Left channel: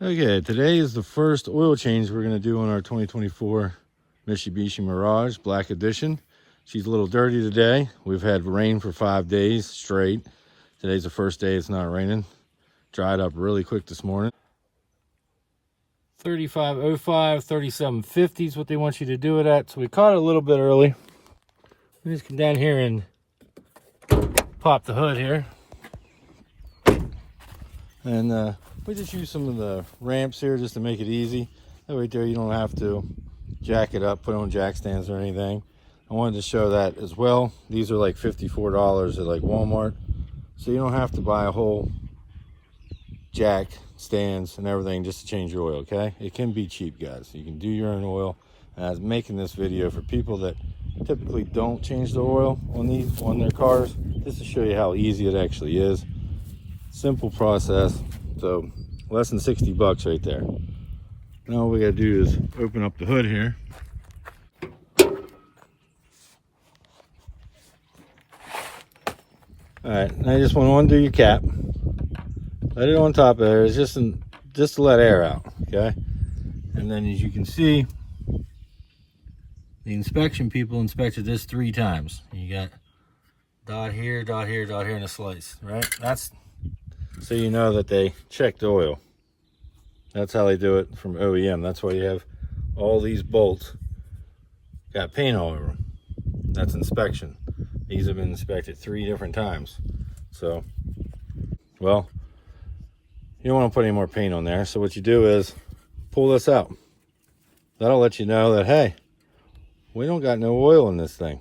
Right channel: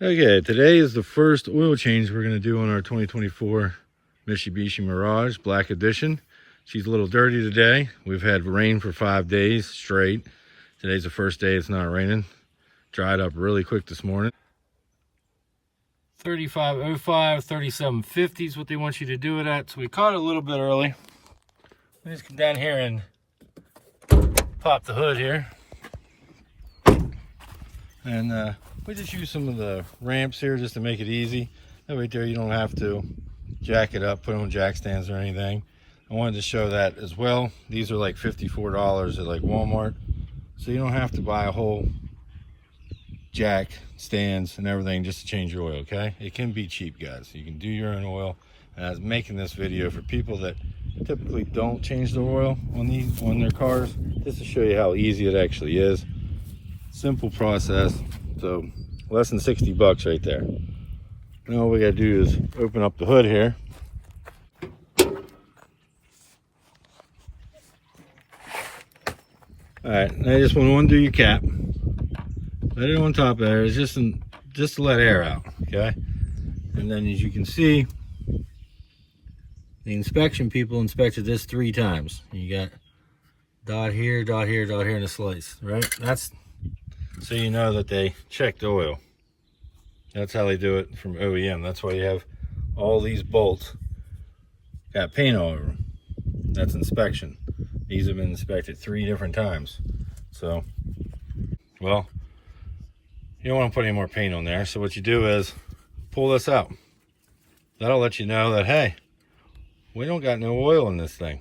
Okay, today is the first oil change we're going to do on our 2024 Mitsubishi Mirage Black Edition. She's a little dirty today. We've had rain for 5 days straight. Today's the first day it's not raining. Dried up really quick this morning. 3505, 3750 is what they want you to do it at. So we caught it a little bit early. We just come down here and pop the hood here. And we just use some of the ramps here just to make it easy. That way there you don't have to jack it up, put on jack stands or anything. I wanted to show that as well. These are like $54 at like Walmart. So you don't have to buy a whole jack stands and everything just to change your oil, okay? It can be cheap, guys. You can do your own oil. And I was making this video for people that typically don't change the oil on their cars, just to show you how easy it actually is. Simple process. So less than 60 bucks right there. Now all we gotta do is open up the hood here. All right, now you just want to undo your cap. Let it on top of there. It's just to let air out, okay? And then as you can see, the inspection people inspected this 3 times. You got dot here, dot here, dot here, and a slice, right? That's so you know that they checked the oil. That's how they do it from OEM. That's why you have all these bolts got paint all over them. That's inspection. These have been inspected 3 different times. So, well, you don't want to put any more paint on there. So what you do is pull this out. That'll let you know that, hey, we don't got no oil in this thing.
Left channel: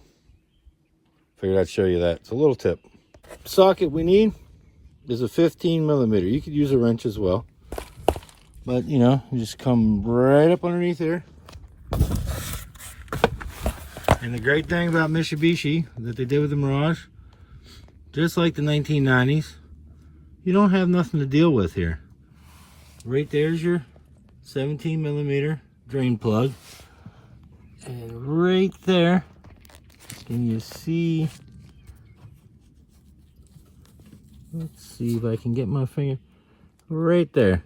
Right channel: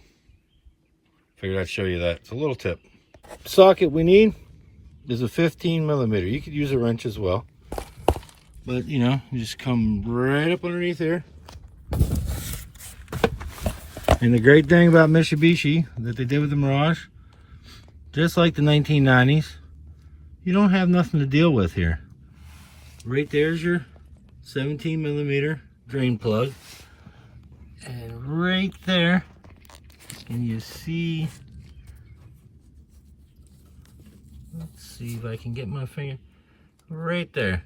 Figured I'd show you that. It's a little tip. Socket we need is a 15 millimeter. You could use a wrench as well. But, you know, you just come right up underneath here. And the great thing about Mitsubishi that they did with the Mirage, just like the 1990s, you don't have nothing to deal with here. Right there's your 17 millimeter drain plug. And right there, and you see, let's see if I can get my finger, right there.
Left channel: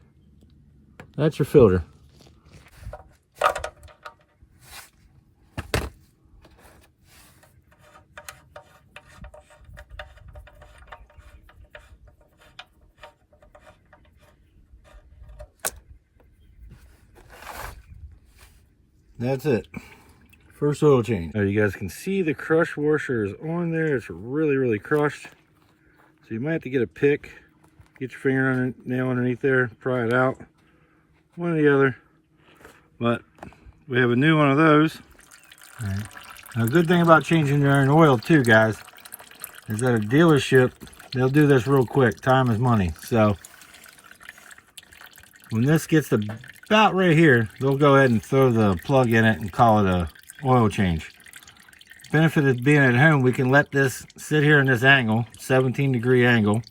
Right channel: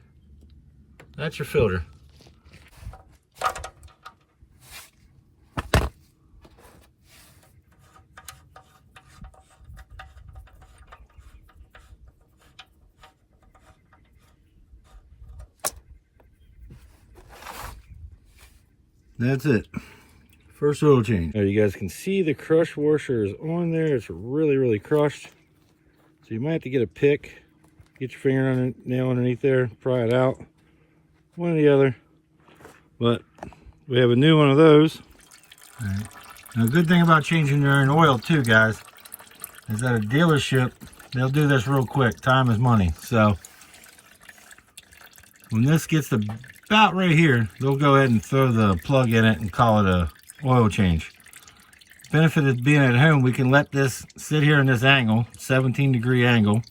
That's your filter. That's it. First oil change. Now you guys can see the crush washer is on there. It's really crushed. So you might have to get a pick, get your fingernail underneath there, pry it out. One or the other. But we have a new one of those. All right. Now, the good thing about changing your own oil too, guys, is that a dealership, they'll do this real quick. Time is money. So when this gets about right here, they'll go ahead and throw the plug in it and call it a oil change. Benefit of being at home, we can let this sit here in this angle, 17-degree angle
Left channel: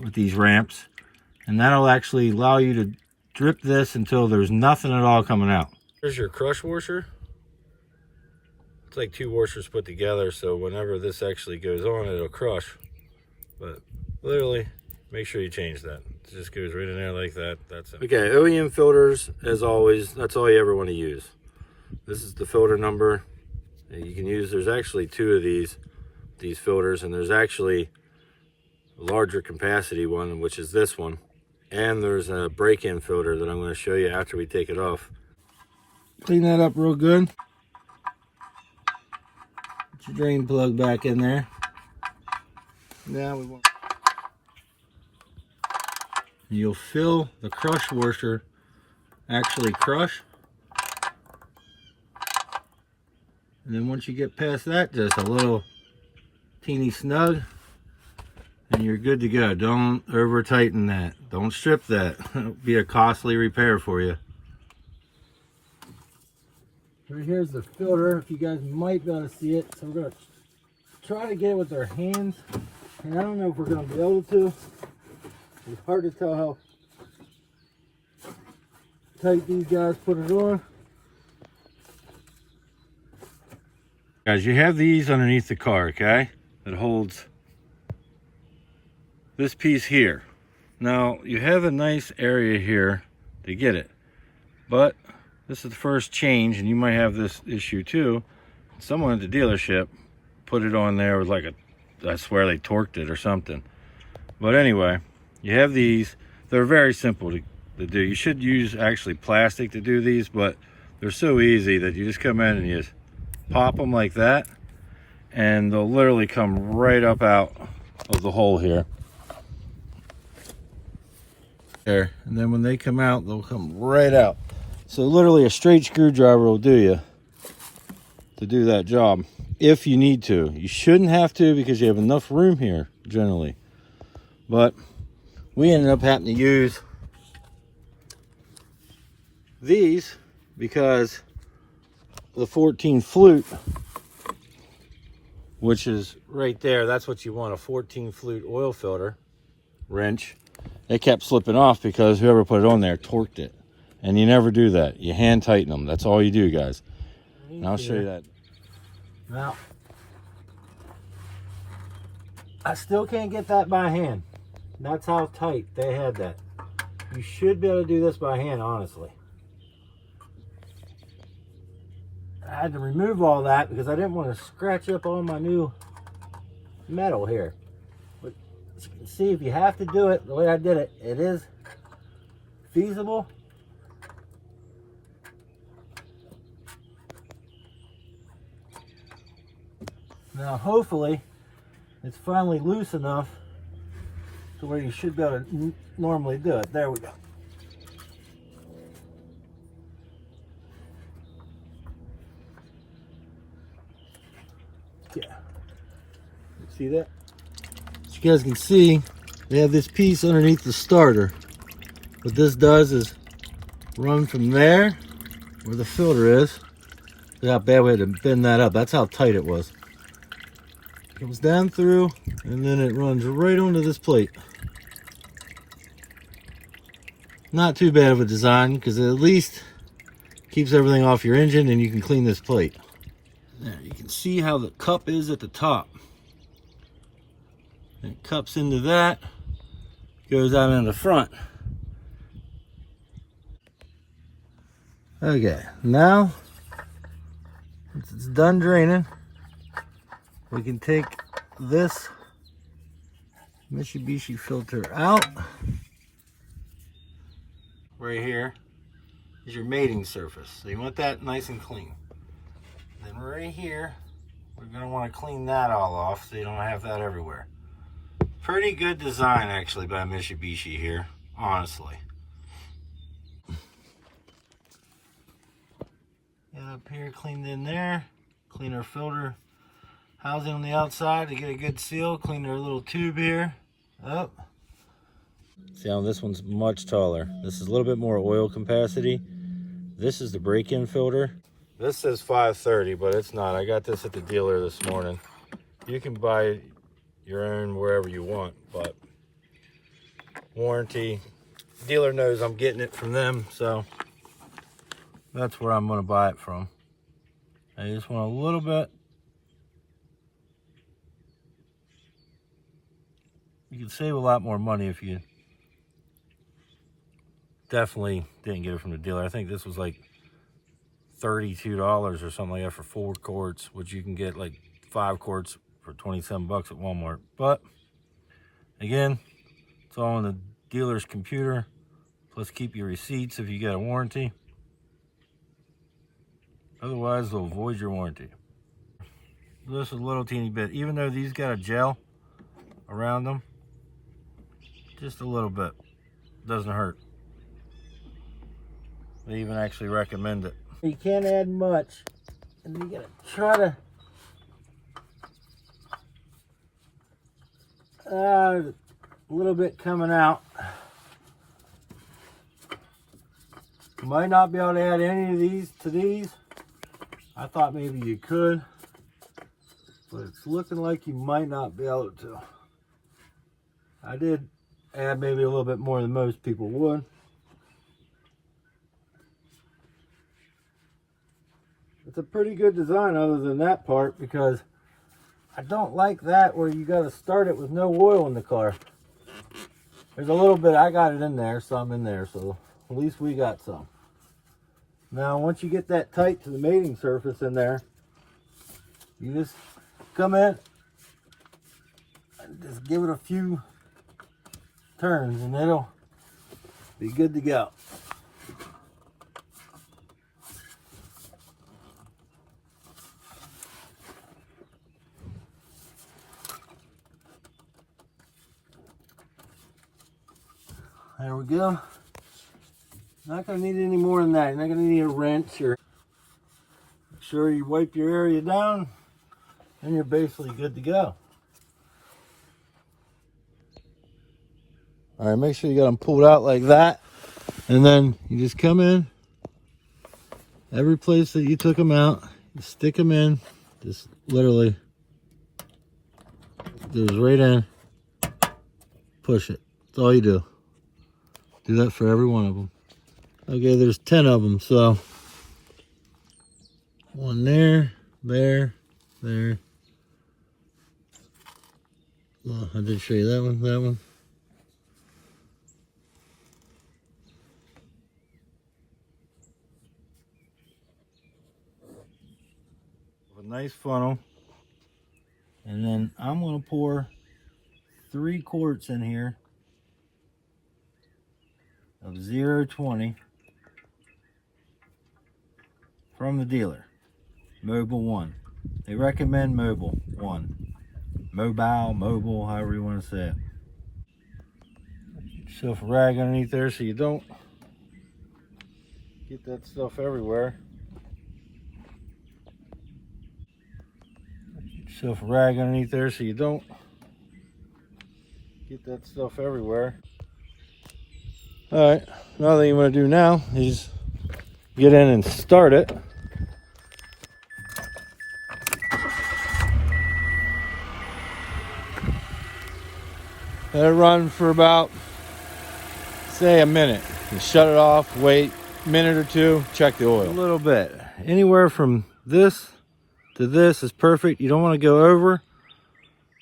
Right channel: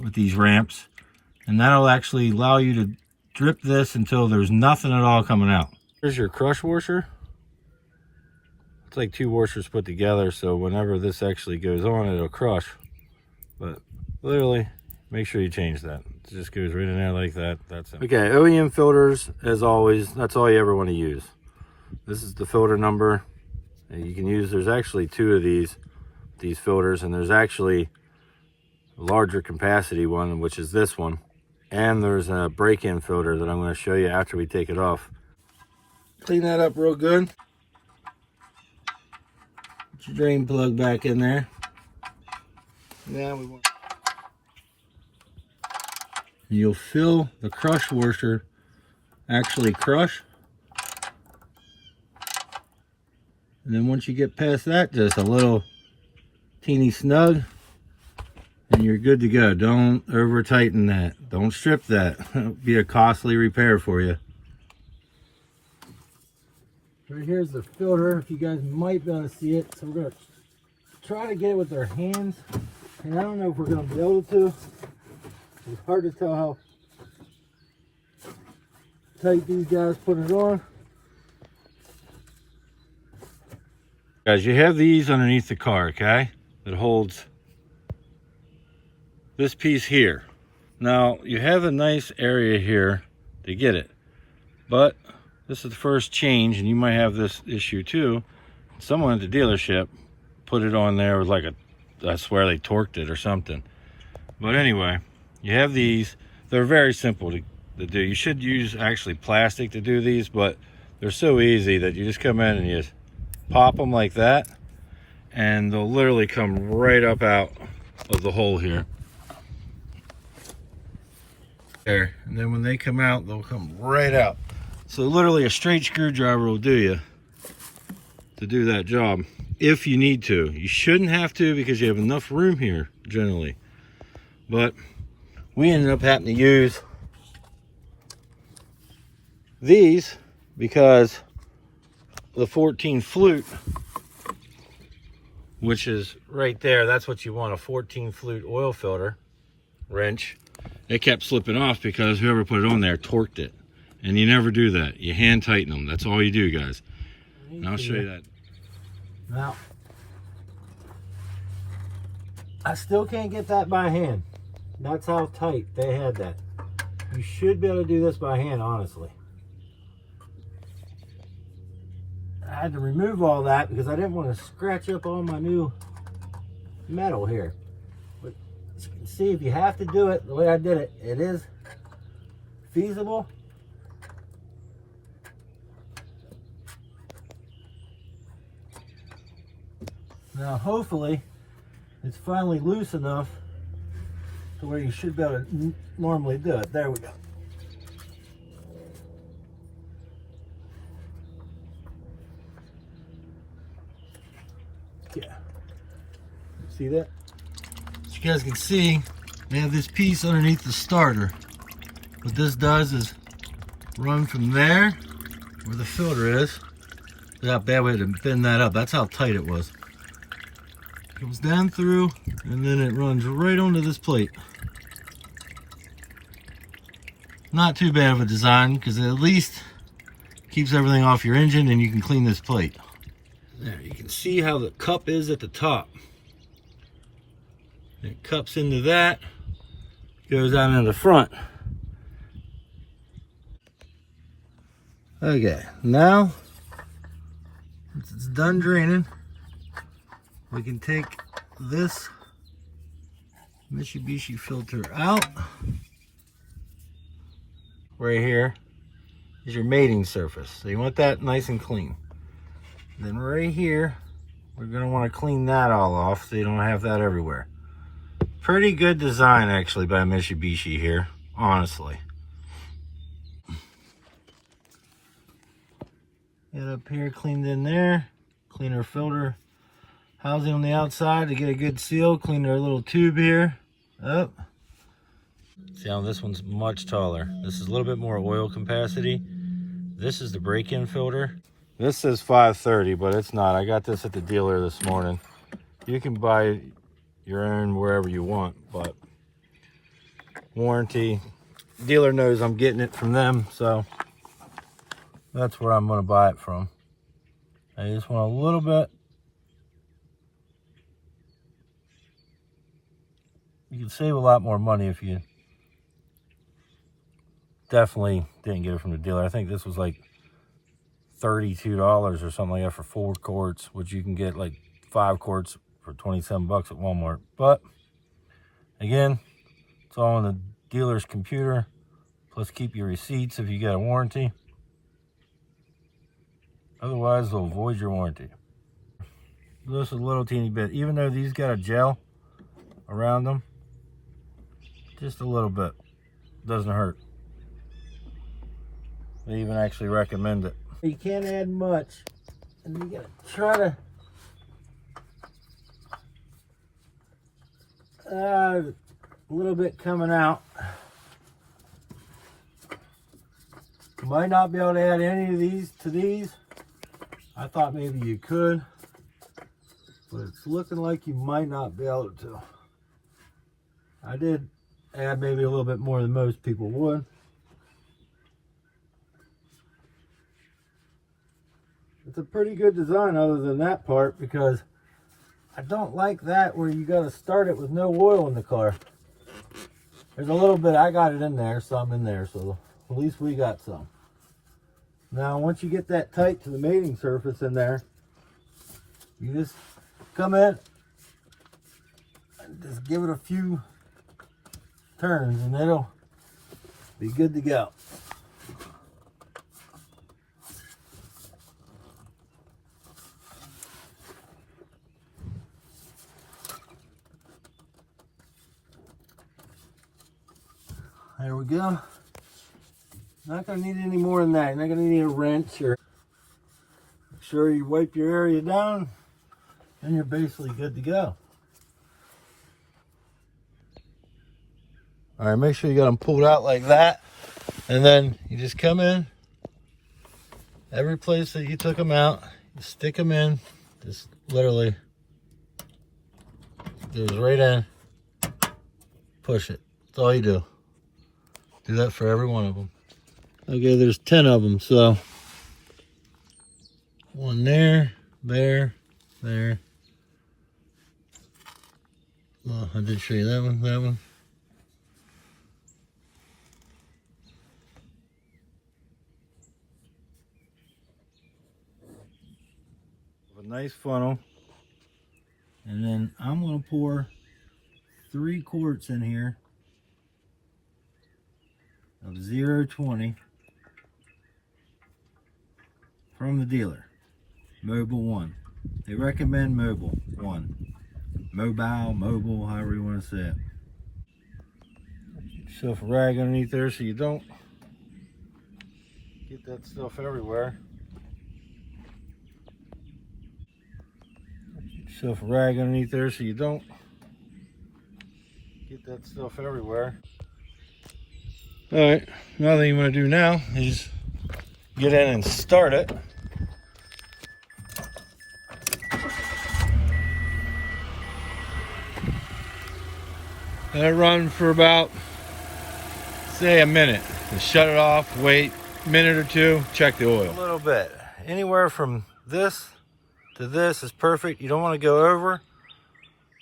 with these ramps, and that'll actually allow you to drip this until there's nothing at all coming out. Here's your crush washer. It's like 2 washers put together, so whenever this actually goes on, it'll crush. But literally, make sure you change that. It just goes right in there like that. That's it. Okay, OEM filters, as always, that's all you ever want to use. This is the filter number. And you can use, there's actually 2 of these filters, and there's actually a larger capacity one, which is this one. And there's a break-in filter that I'm going to show you after we take it off. Clean that up real good. Put your drain plug back in there. Now we want... You'll feel the crush washer actually crush. And then once you get past that, just a little teeny snug, and you're good to go. Don't over tighten that. Don't strip that. It'll be a costly repair for you. Right here's the filter. If you guys might be able to see it. So we're going to try to get it with our hands. And I don't know if we're going to be able to. It's hard to tell how tight these guys put it on. Guys, you have these underneath the car, okay? That holds this piece here. Now, you have a nice area here to get it. But this is the first change, and you might have this issue too. Someone at the dealership put it on there with like I swear they torqued it or something. But anyway, you have these. They're very simple to do. You should use actually plastic to do these, but they're so easy that you just come in and you just pop them like that, and they'll literally come right up out of the hole here. There, and then when they come out, they'll come right out. So literally a straight screwdriver will do you to do that job if you need to. You shouldn't have to because you have enough room here generally. But we ended up having to use these because the 14 flute, which is right there, that's what you want, a 14 flute oil filter wrench. It kept slipping off because whoever put it on there torqued it. And you never do that. You hand tighten them. That's all you do, guys. And I'll show you that. Now, I still can't get that by hand. That's how tight they had that. You should be able to do this by hand, honestly. I had to remove all that because I didn't want to scratch up all my new metal here. But as you can see, if you have to do it the way I did it, it is feasible. Now hopefully it's finally loose enough to where you should be able to normally do it. There we go. Yeah. See that? As you guys can see, you have this piece underneath the starter. What this does is run from there, where the filter is. Look how bad we had to bend that up. That's how tight it was. Comes down through, and then it runs right onto this plate. Not too bad of a design, because it at least keeps everything off your engine, and you can clean this plate. There, you can see how the cup is at the top. It cups into that, goes out into the front. Okay, now once it's done draining, we can take this Mitsubishi filter out. Right here is your mating surface. So you want that nice and clean. Then right here, we're gonna wanna clean that all off so you don't have that everywhere. Pretty good design actually by Mitsubishi here, honestly. Get up here, cleaned in there. Clean our filter housing on the outside to get a good seal. Clean our little tube here up. See how this one's much taller. This is a little bit more oil capacity. This is the break-in filter. This says 530, but it's not. I got this at the dealer this morning. You can buy your own wherever you want, but warranty. Dealer knows I'm getting it from them, so that's where I'm gonna buy it from. I just want a little bit. You can save a lot more money if you definitely didn't get it from the dealer. I think this was like $32 or something like that for 4 quarts, which you can get like 5 quarts for 27 bucks at Walmart. But again, it's all on the dealer's computer. Plus keep your receipts if you get a warranty. Otherwise, they'll void your warranty. Just a little teeny bit. Even though these got a gel around them, just a little bit. Doesn't hurt. They even actually recommend it. You can't add much. And you gotta try to a little bit coming out. You might not be able to add any of these to these. I thought maybe you could, but it's looking like you might not be able to. I did add maybe a little bit more than most people would. It's a pretty good design other than that part, because I don't like that where you got to start it with no oil in the car. There's a little bit, I got it in there, some in there, so At least we got some. Now, once you get that tight to the mating surface in there, you just come in and just give it a few turns and it'll be good to go. There we go. Not going to need any more than that. You're not going to need a wrench. Or make sure you wipe your area down and you're basically good to go. All right, make sure you got them pulled out like that. And then you just come in. Every place that you took them out, you stick them in. Just literally goes right in. Push it. That's all you do. Do that for every one of them. Okay, there's 10 of them, so one there, there. Well, I did show you that one. A nice funnel. And then I'm going to pour 3 quarts in here of 0.20 from the dealer. Mobile 1. They recommend Mobile 1. Mobile, however you want to say it. Get yourself a rag underneath there so you don't get that stuff everywhere. Get yourself a rag underneath there so you don't get that stuff everywhere. Alright, another thing you want to do now is get in and start it. Let it run for about, say, a minute. And shut it off, wait a minute or two, check the oil. A little bit. Anywhere from this to this is perfect. You don't want to go over.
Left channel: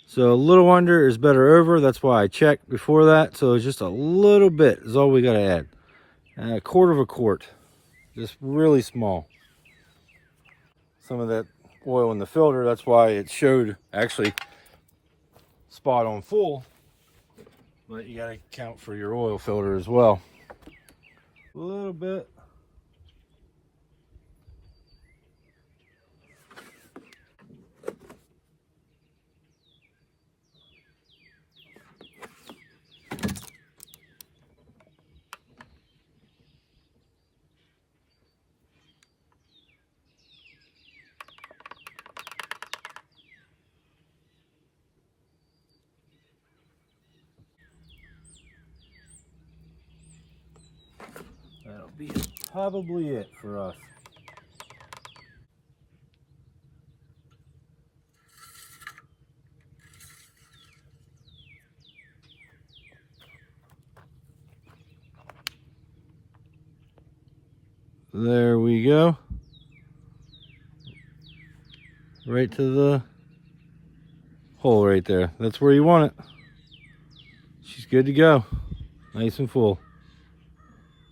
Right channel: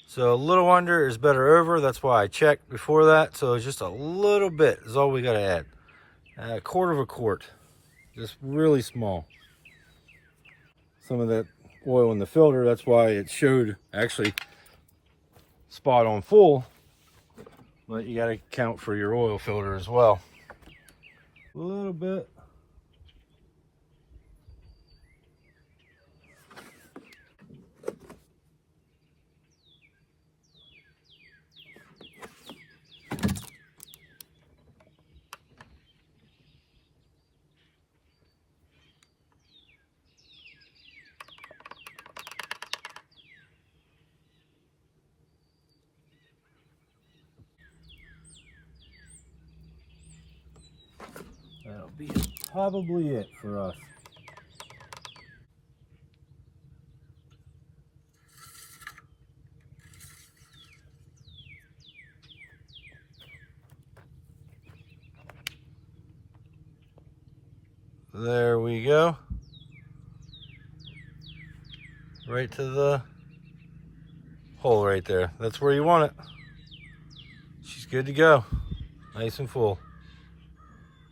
So a little under is better over. That's why I checked before that. So just a little bit is all we got to add. And a quarter of a quart. Just really small. Some of that oil in the filter, that's why it showed actually spot on full. But you got to count for your oil filter as well. A little bit. That'll be probably it for us. There we go. Right to the hole right there. That's where you want it. She's good to go. Nice and full.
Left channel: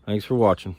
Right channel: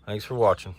Thanks for watching.